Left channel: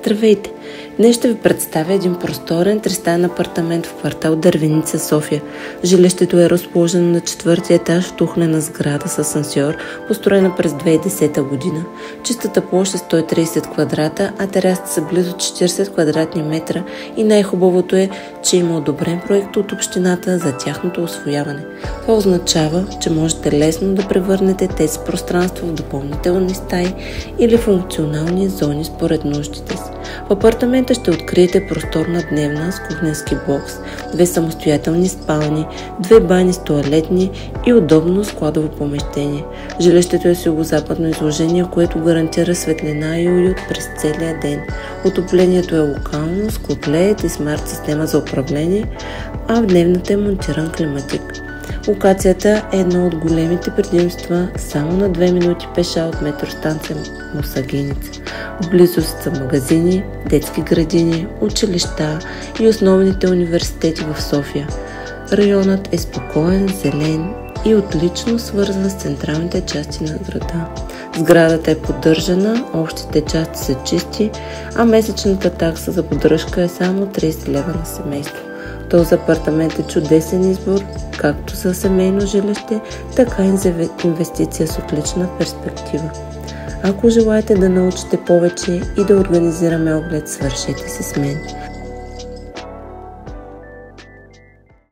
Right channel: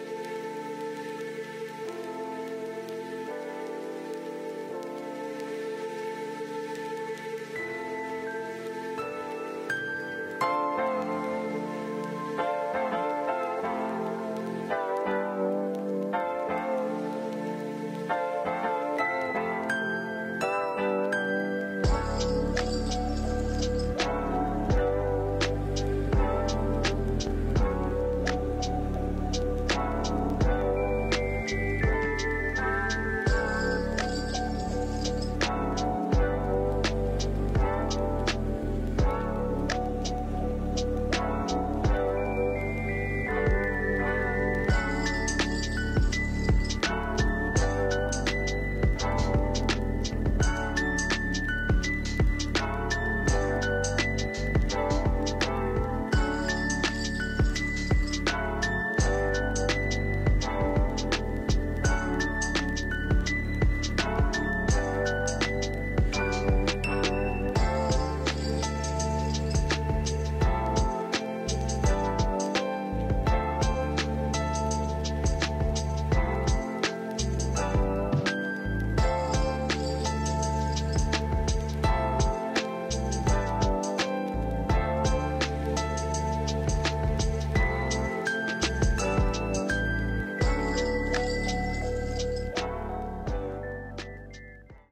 Здравейте! Днес ще ви представя един просторен тристаен апартамент в квартал Дървеница, София. Жилището е разположено на 4-ти етаж в тухлена сграда с асансьор, построена през 2010 година. Чистата площ е 130 квадрата, а терасите са близо 40 квадратни метра и най-хубавото е, че има одобрен проект от общината за тяхното усвояване. Това означава, че можете лесно да превърнете тези пространства в допълнителни стаи или функционални зони според нуждите си. В апартамента ще откриете просторна дневна с кухненски бокс, 2 самостоятелни спални, 2 бани с тоалетни и удобно складово помещение. Жилището е с югозападно изложение, което гарантира светлина и уют през целия ден. Отоплението е локално с котлет и смарт система за управление, а в дневната е монтиран климатик. Локацията е едно от големите предимства, само на 2 минути пеша от метростанция Мусагеница. В близост са магазини, детски градини, училища и основните университети в София. Районът е спокоен, зелен и отлично свързан с централните части на града. Сградата е поддържана, общите части са чисти, а месечната такса за поддръжка е само 30 лева на семейство. Този апартамент е чудесен избор, както за семейно жилище, така и за инвестиция с отлична перспектива. Ако желаете да научите повече и да организираме оглед, свършете се с мен.